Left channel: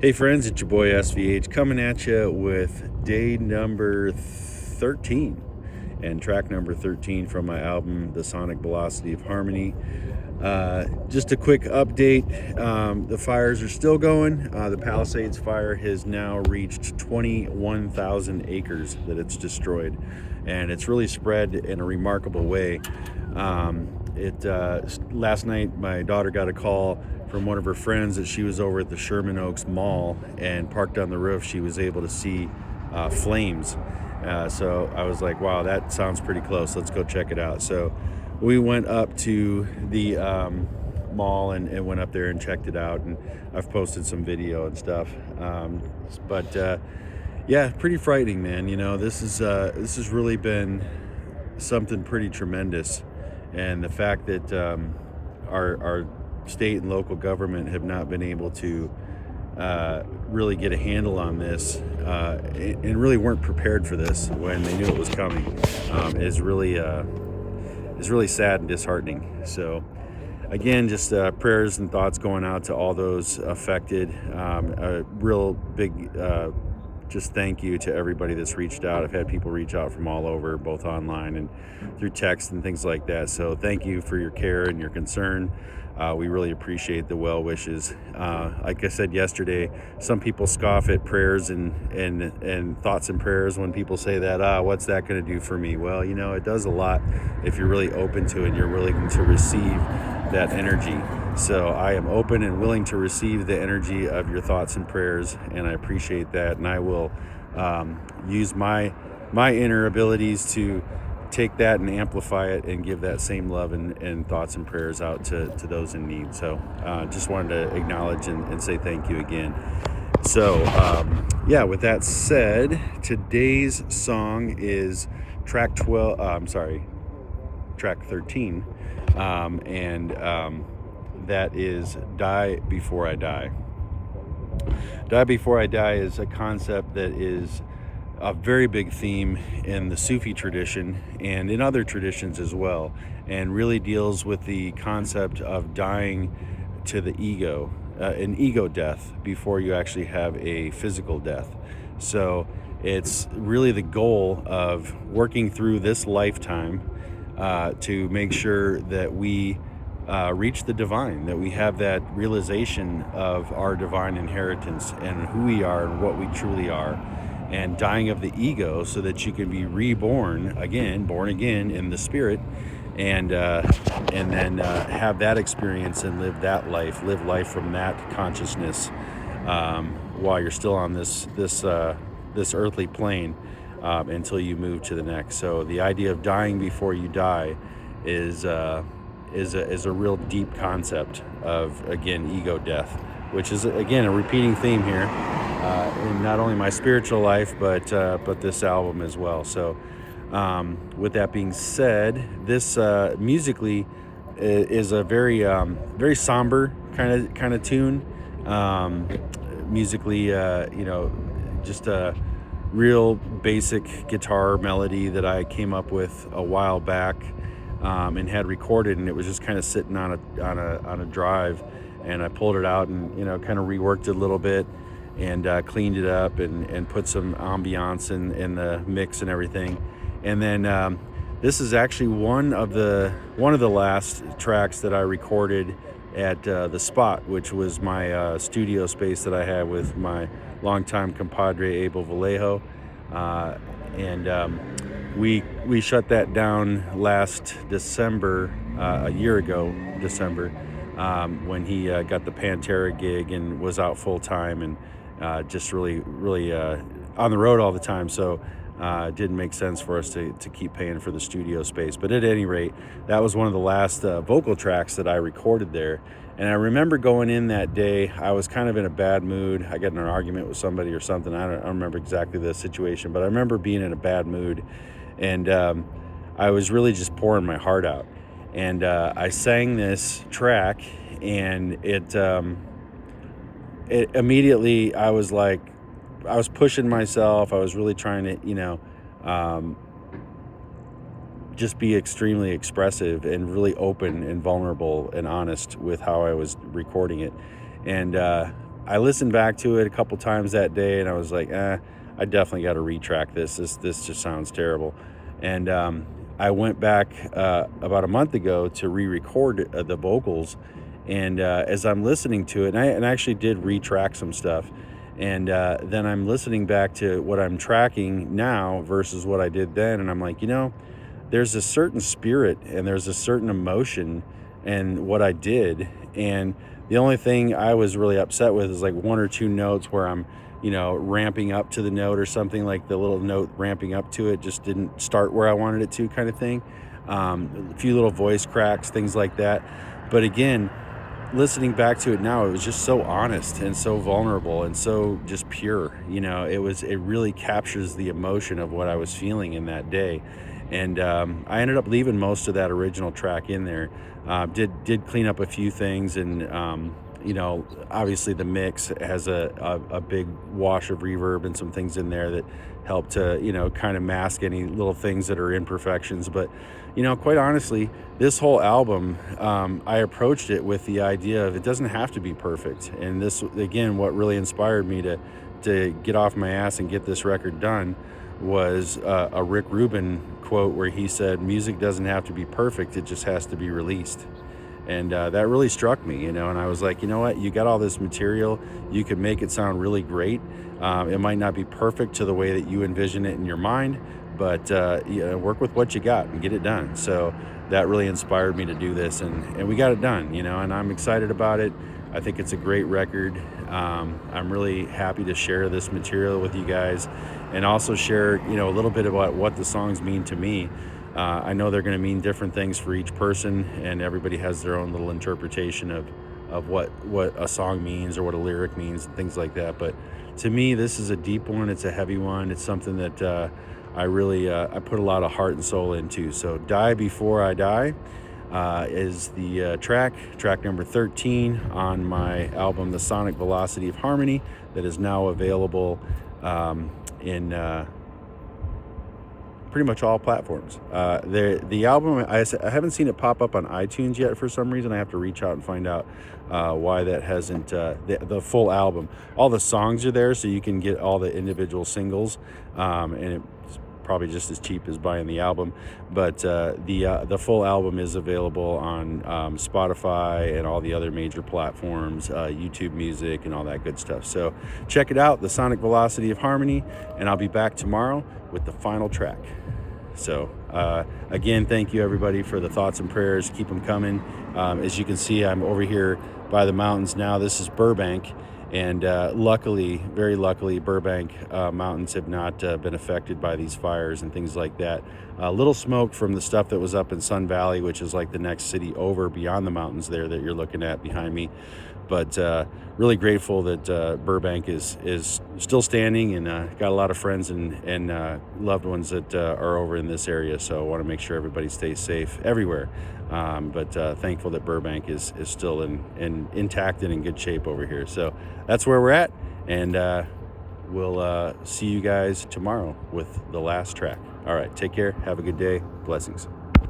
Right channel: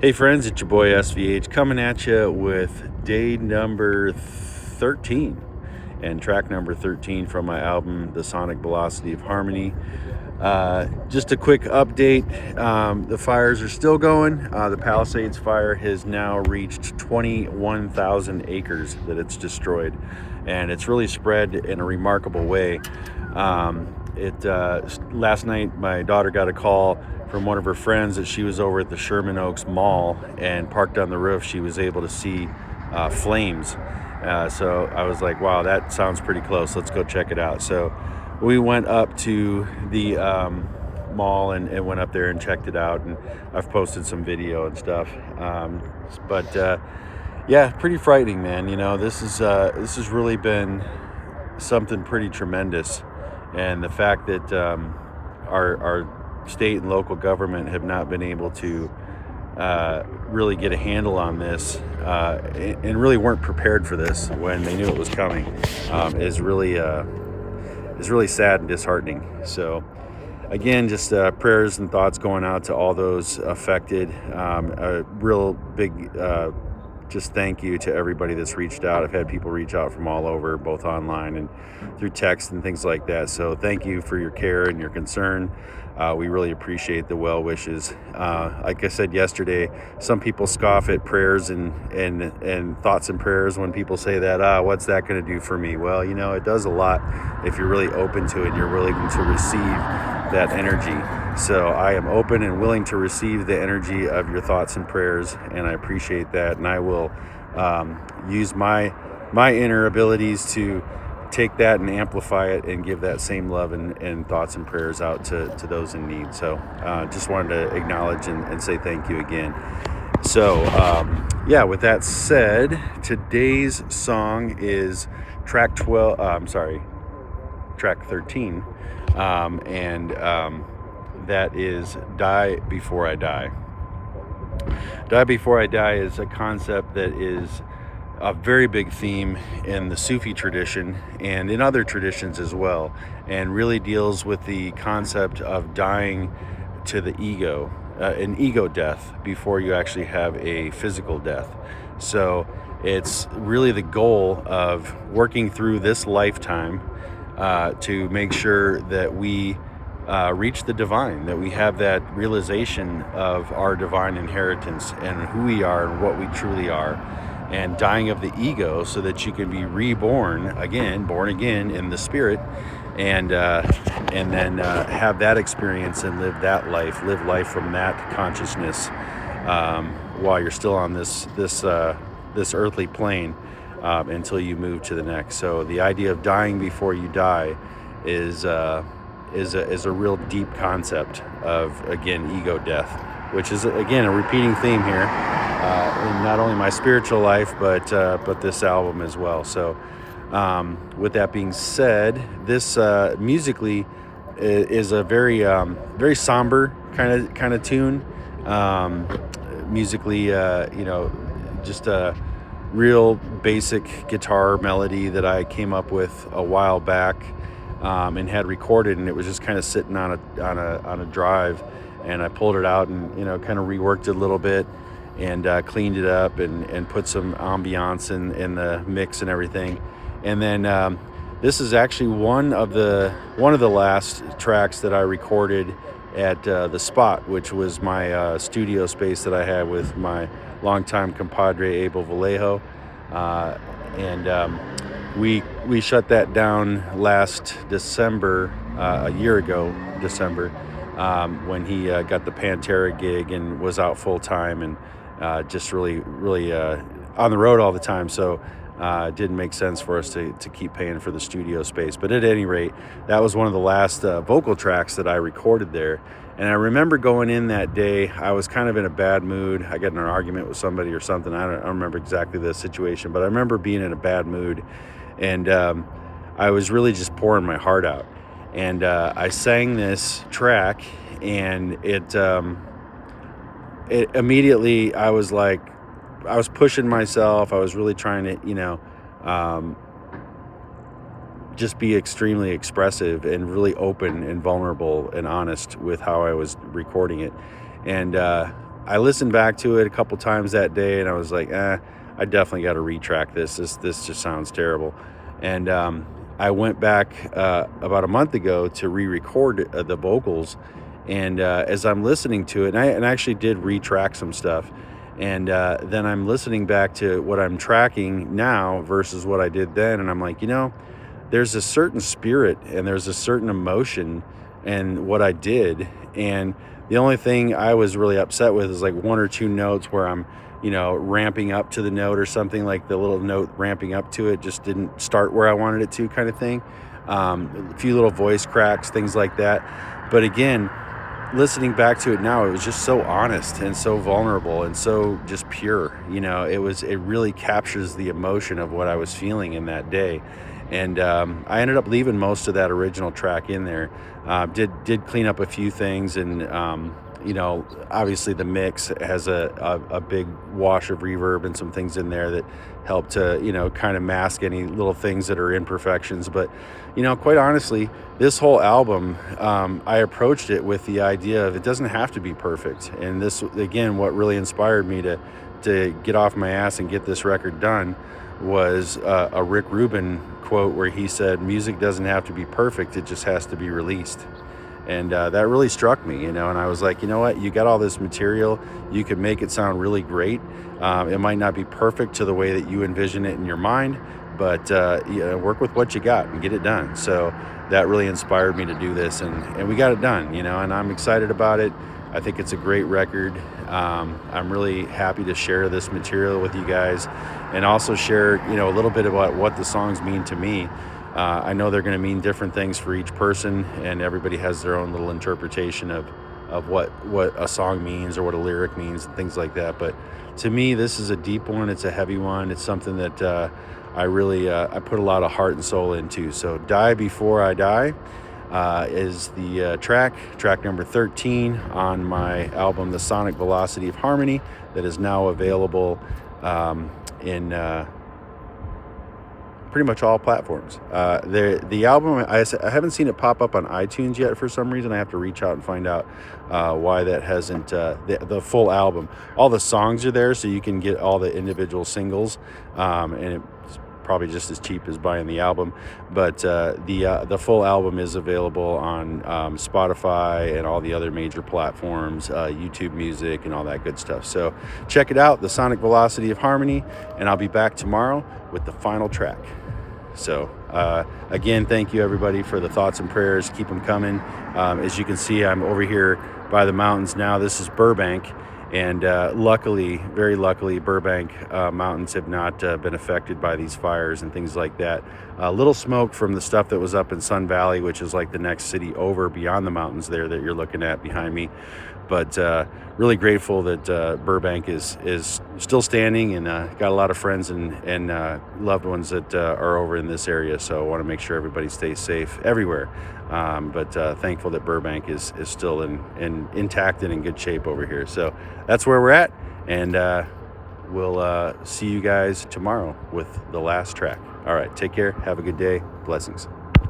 Hey friends, it's your boy SVH coming at you with day number 13 and track number 13 from my album, The Sonic Velocity of Harmony. Just a quick update. The fires are still going. The Palisades fire has now reached 21,000 acres that it's destroyed, and it's really spread in a remarkable way. Last night my daughter got a call from one of her friends that she was over at the Sherman Oaks Mall and parked on the roof. She was able to see flames. So I was like, wow, that sounds pretty close. Let's go check it out. So we went up to the mall and went up there and checked it out. And I've posted some video and stuff. But yeah, pretty frightening, man. You know, this has really been something pretty tremendous. And the fact that our state and local government have not been able to really get a handle on this and really weren't prepared for this when they knew it was coming is really sad and disheartening. So again, just prayers and thoughts going out to all those affected. A real big just thank you to everybody that's reached out. I've had people reach out from all over, both online and through text and things like that. So thank you for your care and your concern. We really appreciate the well wishes. Like I said yesterday, some people scoff at prayers and thoughts and prayers when people say that, what's that going to do for me? Well, you know, it does a lot if you're really open to it and you're willing to receive that energy. So I am open and willing to receive the energy of your thoughts and prayers, and I appreciate that. And I will use my inner abilities to take that and amplify it and give that same love and thoughts and prayers out to those in need. So just wanted to acknowledge and say thank you again. So yeah, with that said, today's song is track 13, and that is Die Before I Die. Die Before I Die is a concept that is a very big theme in the Sufi tradition and in other traditions as well, and really deals with the concept of dying to the ego, an ego death before you actually have a physical death. So it's really the goal of working through this lifetime to make sure that we reach the divine, that we have that realization of our divine inheritance and who we are and what we truly are, and dying of the ego so that you can be reborn again, born again in the spirit, and then have that experience and live life from that consciousness while you're still on this earthly plane until you move to the next. So the idea of dying before you die is a real deep concept of, again, ego death, which is again a repeating theme here in not only my spiritual life but this album as well. So with that being said, this musically is a very very somber kind of tune. Musically, you know, just a real basic guitar melody that I came up with a while back and had recorded, and it was just kind of sitting on a drive, and I pulled it out and, you know, kind of reworked it a little bit and cleaned it up and put some ambiance in the mix and everything. And then this is actually one of the last tracks that I recorded at the Spot, which was my studio space that I had with my longtime compadre Abel Vallejo, and we shut that down last December, a year ago December, when he got the Pantera gig and was out full time and just really on the road all the time. So it didn't make sense for us to keep paying for the studio space. But at any rate, that was one of the last vocal tracks that I recorded there. And I remember going in that day, I was kind of in a bad mood. I got in an argument with somebody or something. I don't remember exactly the situation, but I remember being in a bad mood. And I was really just pouring my heart out. And I sang this track, and it immediately, I was like, I was pushing myself. I was really trying to, you know, just be extremely expressive and really open and vulnerable and honest with how I was recording it. And I listened back to it a couple times that day, and I was like, I definitely got to retrack this. This just sounds terrible. And I went back about a month ago to re-record the vocals, and as I'm listening to it, and I actually did retrack some stuff, and then I'm listening back to what I'm tracking now versus what I did then, and I'm like, there's a certain spirit and there's a certain emotion in what I did, and the only thing I was really upset with is like one or two notes where I'm ramping up to the note or something, like the little note ramping up to it just didn't start where I wanted it to, kind of thing. A few little voice cracks, things like that. But again, listening back to it now, it was just so honest and so vulnerable and so just pure. It really captures the emotion of what I was feeling in that day. And I ended up leaving most of that original track in there. Did clean up a few things, and obviously the mix has a big wash of reverb and some things in there that help to kind of mask any little things that are imperfections. But quite honestly, this whole album, I approached it with the idea of it doesn't have to be perfect. And this, again, what really inspired me to get off my ass and get this record done was a Rick Rubin quote where he said, music doesn't have to be perfect, it just has to be released. And that really struck me, and I was like, you know what, you got all this material, you could make it sound really great. It might not be perfect to the way that you envision it in your mind, but work with what you got and get it done. So that really inspired me to do this, and we got it done, and I'm excited about it. I think it's a great record. I'm really happy to share this material with you guys, and also share a little bit about what the songs mean to me. I know they're going to mean different things for each person, and everybody has their own little interpretation of what a song means or what a lyric means and things like that. But to me, this is a deep one. It's a heavy one. It's something that I really I put a lot of heart and soul into. So Die Before I Die is the track number 13 on my album The Sonic Velocity of Harmony, that is now available in pretty much all platforms. The album, I haven't seen it pop up on iTunes yet for some reason. I have to reach out and find out why that hasn't. The full album, all the songs are there, so you can get all the individual singles, and it's probably just as cheap as buying the album. But the full album is available on Spotify and all the other major platforms, YouTube Music and all that good stuff. So check it out, The Sonic Velocity of Harmony, and I'll be back tomorrow with the final track. So again, thank you everybody for the thoughts and prayers. Keep them coming. As you can see, I'm over here by the mountains now. This is Burbank, and luckily, very luckily, Burbank mountains have not been affected by these fires and things like that. A little smoke from the stuff that was up in Sun Valley, which is like the next city over beyond the mountains there that you're looking at behind me. But really grateful that Burbank is still standing, and got a lot of friends and loved ones that are over in this area. So I want to make sure everybody stays safe everywhere. But thankful that Burbank is still intact and in good shape over here. So that's where we're at, and we'll see you guys tomorrow with the last track. All right, take care, have a good day, blessings.